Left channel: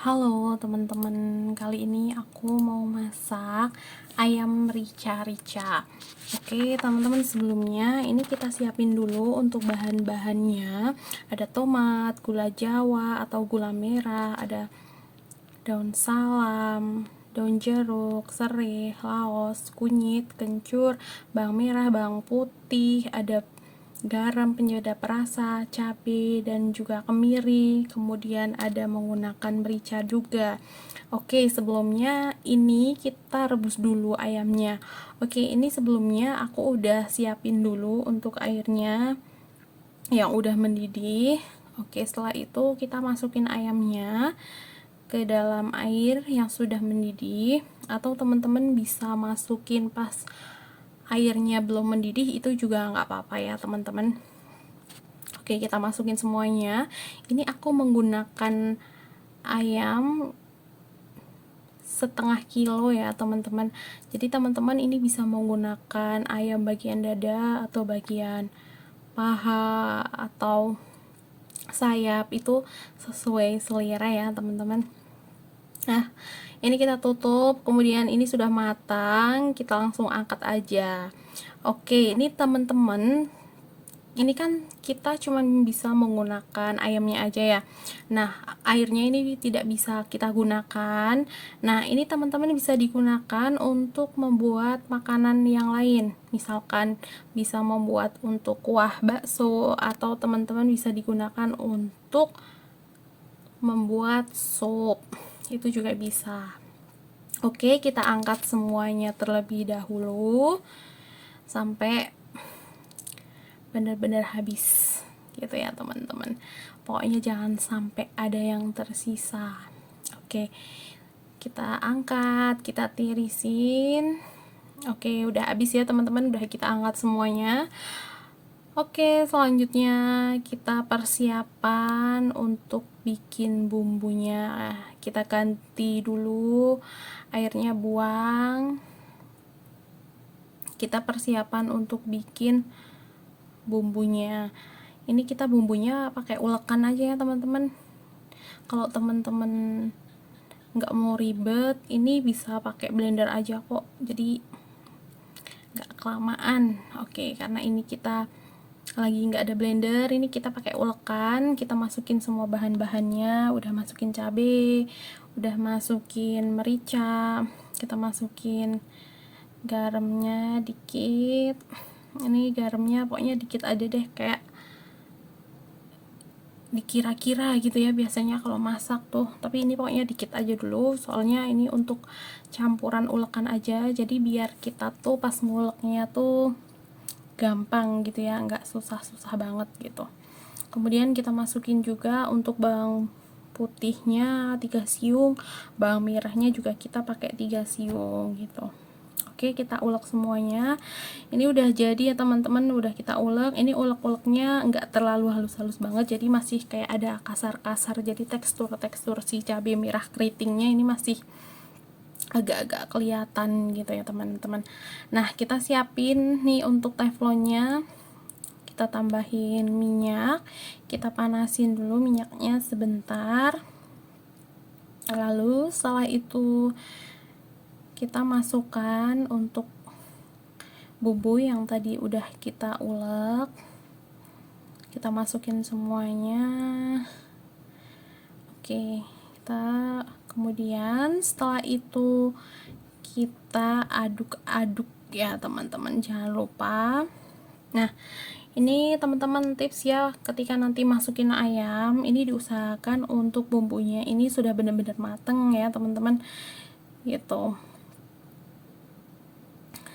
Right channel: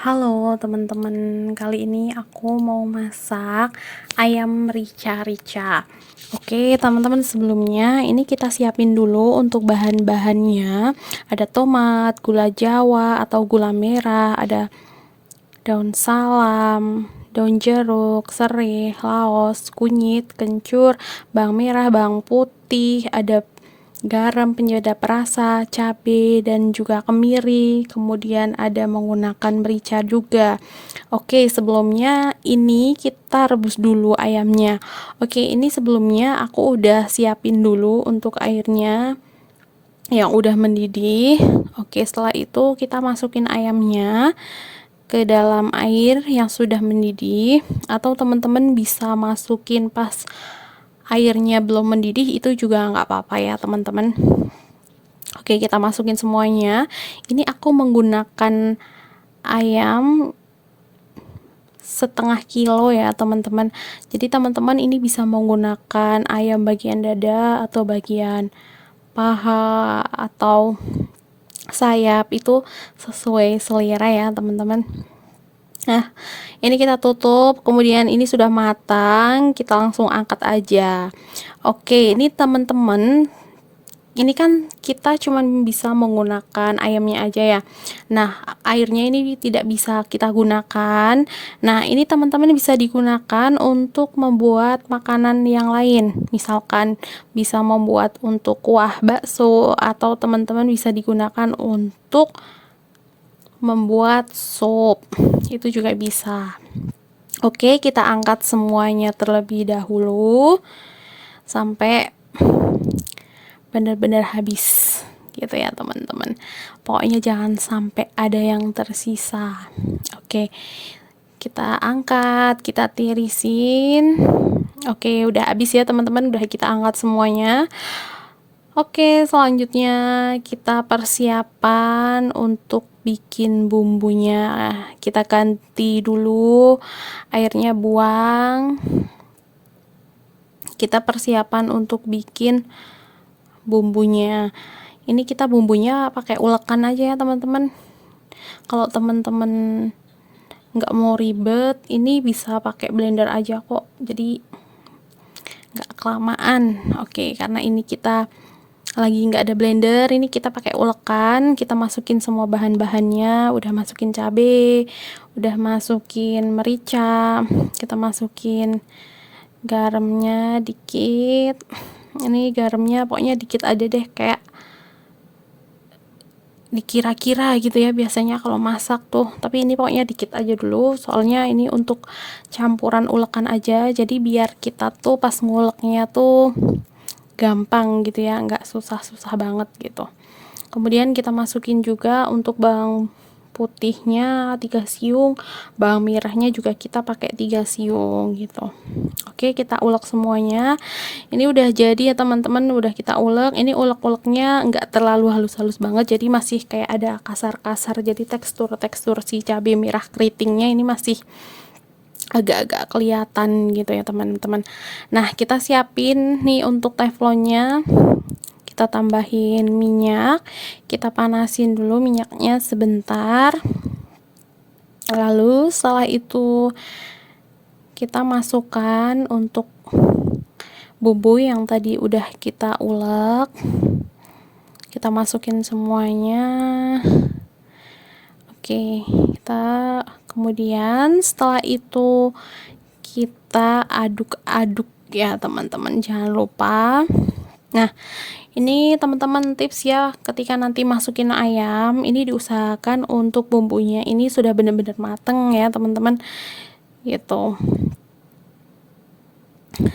Halo teman-teman, kali ini aku mau masak ayam rica-rica. Oke teman-teman, sebelumnya ini kita siapin dulu untuk bahan-bahannya. Ada tomat, gula jawa atau gula merah, ada daun salam, daun jeruk, serai, laos, kunyit, kencur, bawang merah, bawang putih, ada garam penyedap rasa, cabai, dan juga kemiri. Kemudian ada menggunakan merica juga. Oke, sebelumnya ini kita rebus dulu ayamnya. Oke, ini sebelumnya aku udah siapin dulu untuk airnya yang udah mendidih. Oke, setelah itu kita masukin ayamnya ke dalam air yang sudah mendidih, atau teman-teman bisa masukin pas airnya belum mendidih, itu juga nggak apa-apa ya teman-teman. Oke, kita masukin semuanya. Ini aku menggunakan ayam setengah kilo ya teman-teman. Jadi teman-teman ini bisa menggunakan ayam bagian dada atau bagian paha atau sayap, itu sesuai selera ya teman-teman. Nah, ini kita tutup, kemudian ini sudah matang, kita langsung angkat aja. Oke, ini teman-teman, ini kan kita cuma bisa menggunakan ayamnya aja ya. Nah, airnya ini tidak bisa kita gunakan. Nah, ini teman-teman bisa digunakan untuk membuat makanan yang lain. Misalkan bisa membuat untuk kuah bakso, atau teman-teman bisa digunakan untuk membuat sup, itu juga bisa. Oke, kita angkat semuanya terlebih dahulu sampai benar-benar habis gitu ya teman-teman. Pokoknya jangan sampai ada yang tersisa. Oke, kita angkat, kita tirisin. Oke, udah habis ya teman-teman, udah kita angkat semuanya. Oke, selanjutnya kita persiapan untuk bikin bumbunya. Kita ganti dulu airnya, buang. Kita persiapan untuk bikin bumbunya. Ini kita bumbunya pakai ulekan aja ya teman-teman. Kalau teman-teman nggak mau ribet, ini bisa pakai blender aja kok. Jadi nggak kelamaan. Oke, karena ini kita lagi nggak ada blender, ini kita pakai ulekan. Kita masukin semua bahan-bahannya, udah masukin cabai, udah masukin merica, kita masukin garamnya dikit. Ini garamnya pokoknya dikit aja deh, kayak dikira-kira gitu ya biasanya kalau masak tuh, tapi ini pokoknya dikit aja dulu, soalnya ini untuk campuran ulekan aja, jadi biar kita tuh pas nguleknya tuh gampang gitu ya, nggak susah-susah banget gitu. Kemudian kita masukin juga untuk bawang putihnya 3 siung, bawang merahnya juga kita pakai 3 siung gitu. Oke, kita ulek semuanya. Ini udah jadi ya teman-teman, udah kita ulek. Ini ulek-uleknya nggak terlalu halus-halus banget, jadi masih kayak ada kasar-kasar, jadi tekstur-tekstur si cabai merah keritingnya ini masih agak-agak kelihatan gitu ya teman-teman. Nah, kita siapin nih untuk teflonnya. Kita tambahin minyak, kita panasin dulu minyaknya sebentar. Lalu setelah itu kita masukkan untuk bumbu yang tadi udah kita ulek. Kita masukin semuanya. Oke, kita kemudian setelah itu kita aduk-aduk ya teman-teman, jangan lupa. Nah, ini teman-teman tips ya, ketika nanti masukin ayam, ini diusahakan untuk bumbunya ini sudah benar-benar mateng ya teman-teman gitu.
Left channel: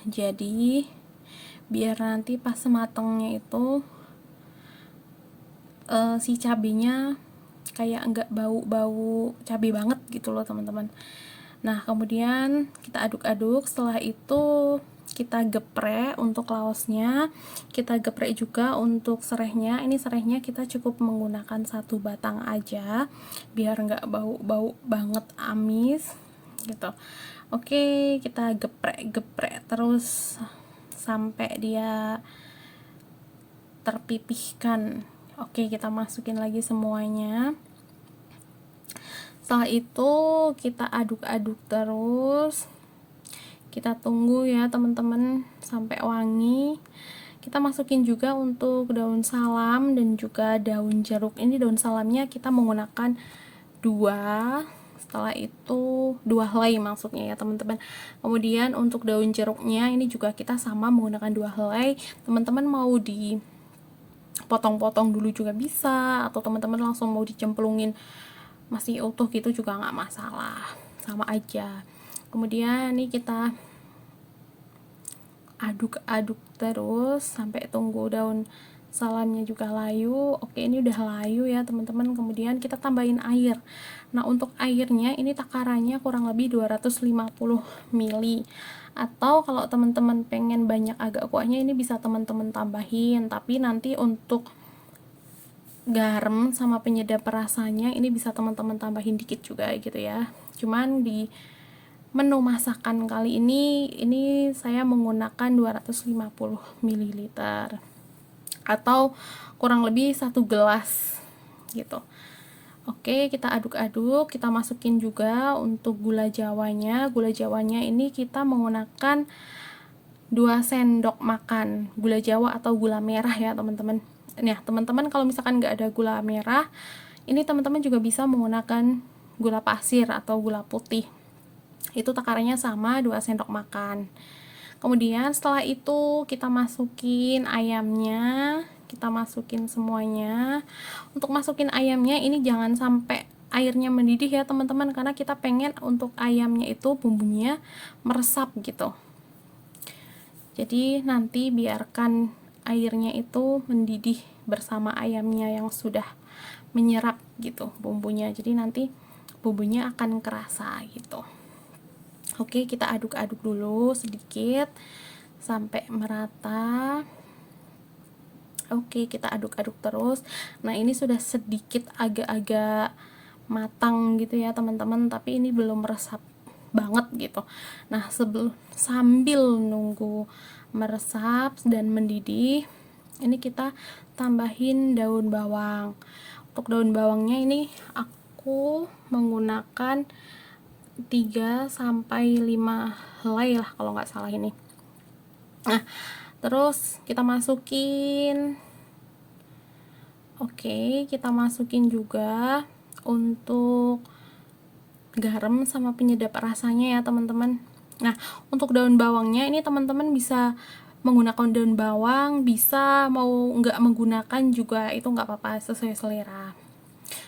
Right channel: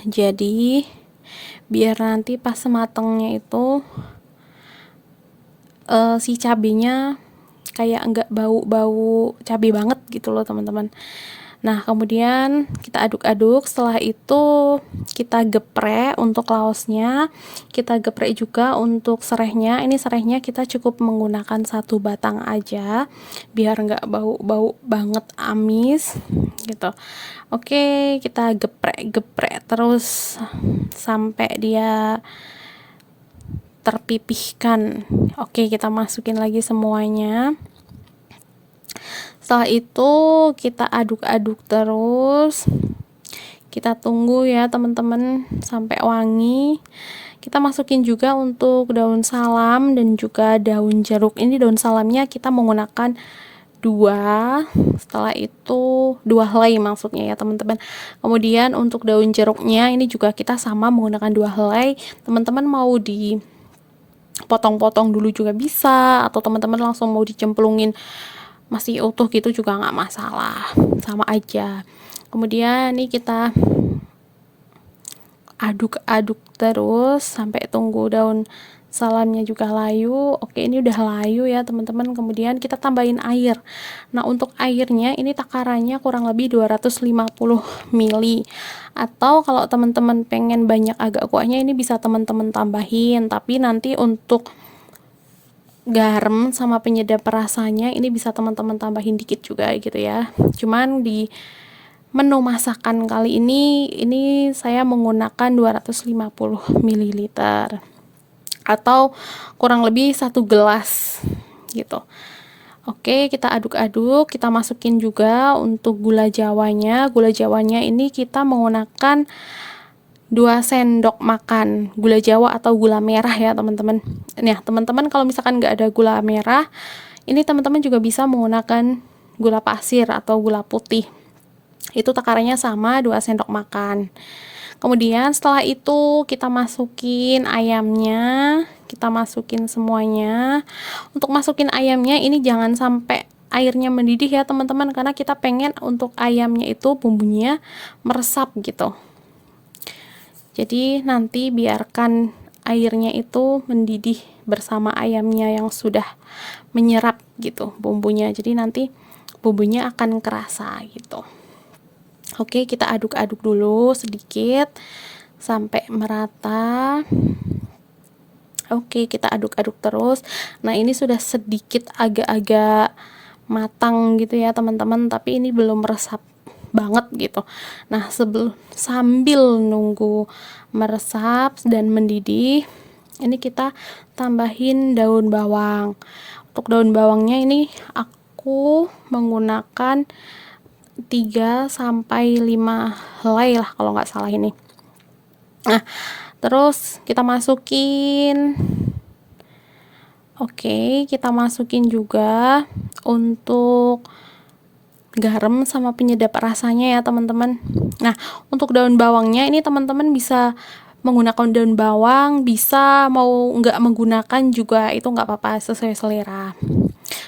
Jadi biar nanti pas matengnya itu si cabenya kayak enggak bau-bau cabai banget gitu loh teman-teman. Nah, kemudian kita aduk-aduk. Setelah itu kita geprek untuk laosnya, kita geprek juga untuk serehnya. Ini serehnya kita cukup menggunakan 1 batang aja biar nggak bau-bau banget amis gitu. Oke, kita geprek-geprek terus sampai dia terpipihkan. Oke, kita masukin lagi semuanya. Setelah itu kita aduk-aduk terus, kita tunggu ya teman-teman sampai wangi. Kita masukin juga untuk daun salam dan juga daun jeruk. Ini daun salamnya kita menggunakan 2, setelah itu 2 helai maksudnya ya teman-teman. Kemudian untuk daun jeruknya ini juga kita sama menggunakan 2 helai. Teman-teman mau dipotong-potong dulu juga bisa, atau teman-teman langsung mau dicemplungin masih utuh gitu juga nggak masalah, sama aja. Kemudian ini kita aduk-aduk terus sampai tunggu daun salamnya juga layu. Oke, ini udah layu ya teman-teman. Kemudian kita tambahin air. Nah, untuk airnya ini takarannya kurang lebih 250 ml. Atau kalau teman-teman pengen banyak agak kuahnya, ini bisa teman-teman tambahin. Tapi nanti untuk garam sama penyedap rasanya ini bisa teman-teman tambahin dikit juga gitu ya. Cuman di menu masakan kali ini saya menggunakan 250 ml atau kurang lebih 1 gelas gitu. Oke, kita aduk-aduk, kita masukin juga untuk gula jawanya. Gula jawanya ini kita menggunakan 2 sendok makan gula jawa atau gula merah ya teman-teman. Nah, teman-teman kalau misalkan nggak ada gula merah, ini teman-teman juga bisa menggunakan gula pasir atau gula putih. Itu takarannya sama 2 sendok makan. Kemudian setelah itu kita masukin ayamnya, kita masukin semuanya. Untuk masukin ayamnya ini jangan sampai airnya mendidih ya teman-teman, karena kita pengen untuk ayamnya itu bumbunya meresap gitu. Jadi nanti biarkan airnya itu mendidih bersama ayamnya yang sudah menyerap gitu bumbunya. Jadi nanti bumbunya akan kerasa gitu. Oke, kita aduk-aduk dulu sedikit sampai merata. Oke, kita aduk-aduk terus. Nah, ini sudah sedikit agak-agak matang gitu ya teman-teman, tapi ini belum meresap banget gitu. Nah, sambil nunggu meresap dan mendidih, ini kita tambahin daun bawang. Untuk daun bawangnya ini aku menggunakan 3 sampai 5 helai lah kalau nggak salah ini. Nah, terus kita masukin. Oke, kita masukin juga untuk garam sama penyedap rasanya ya teman-teman. Nah, untuk daun bawangnya ini teman-teman bisa menggunakan daun bawang, bisa mau nggak menggunakan juga itu nggak apa-apa, sesuai selera.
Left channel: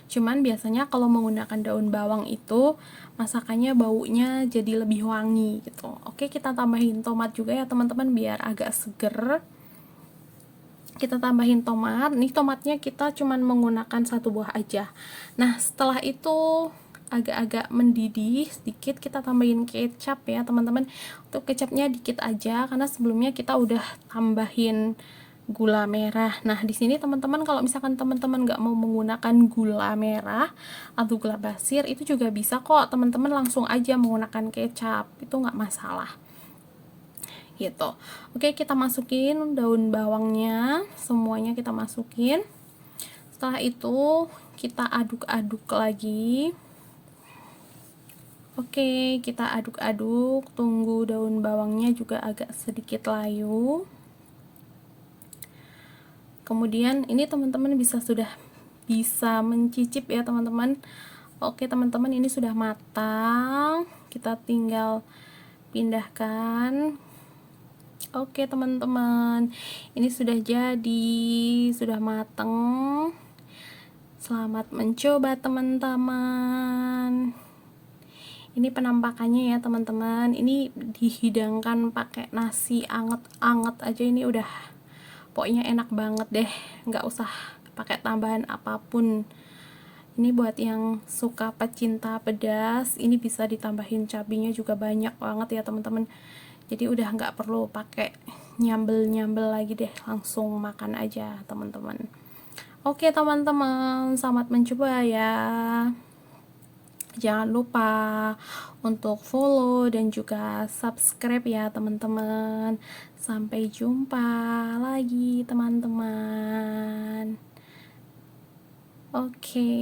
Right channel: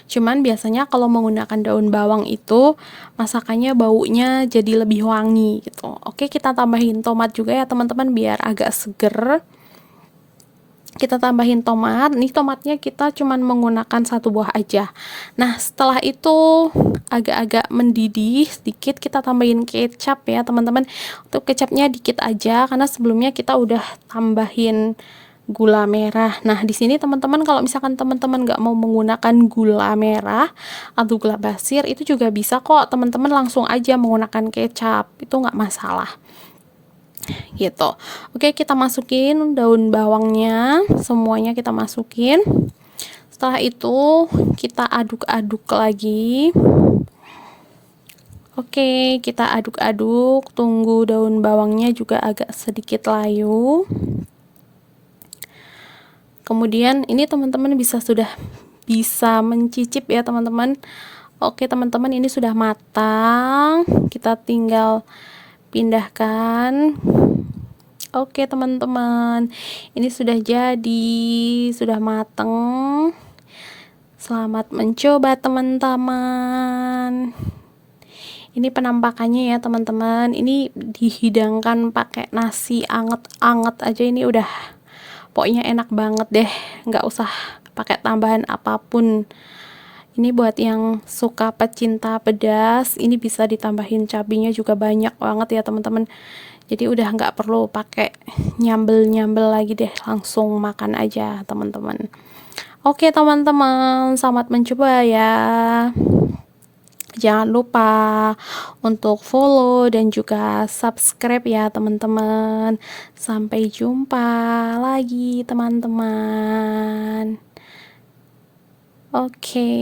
Cuman biasanya kalau menggunakan daun bawang itu masakannya baunya jadi lebih wangi gitu. Oke, kita tambahin tomat juga ya teman-teman biar agak seger. Kita tambahin tomat. Nih tomatnya kita cuman menggunakan 1 buah aja. Nah, setelah itu agak-agak mendidih sedikit, kita tambahin kecap ya teman-teman. Untuk kecapnya dikit aja karena sebelumnya kita udah tambahin gula merah. Nah, di sini teman-teman kalau misalkan teman-teman nggak mau menggunakan gula merah atau gula pasir, itu juga bisa kok teman-teman langsung aja menggunakan kecap, itu nggak masalah gitu. Oke, kita masukin daun bawangnya, semuanya kita masukin. Setelah itu kita aduk-aduk lagi. Oke, kita aduk-aduk, tunggu daun bawangnya juga agak sedikit layu. Kemudian ini teman-teman sudah bisa mencicip ya teman-teman. Oke teman-teman, ini sudah matang, kita tinggal pindahkan. Oke teman-teman, ini sudah jadi, sudah matang. Selamat mencoba teman-teman. Ini penampakannya ya teman-teman. Ini dihidangkan pakai nasi anget-anget aja, ini udah pokoknya enak banget deh, nggak usah pakai tambahan apapun. Ini buat yang suka pecinta pedas, ini bisa ditambahin cabenya juga banyak banget ya teman-teman. Jadi udah nggak perlu pakai nyambel-nyambel lagi deh, langsung makan aja teman-teman. Oke teman-teman, selamat mencoba ya. Jangan lupa untuk follow dan juga subscribe ya teman-teman. Sampai jumpa lagi teman-teman. Oke.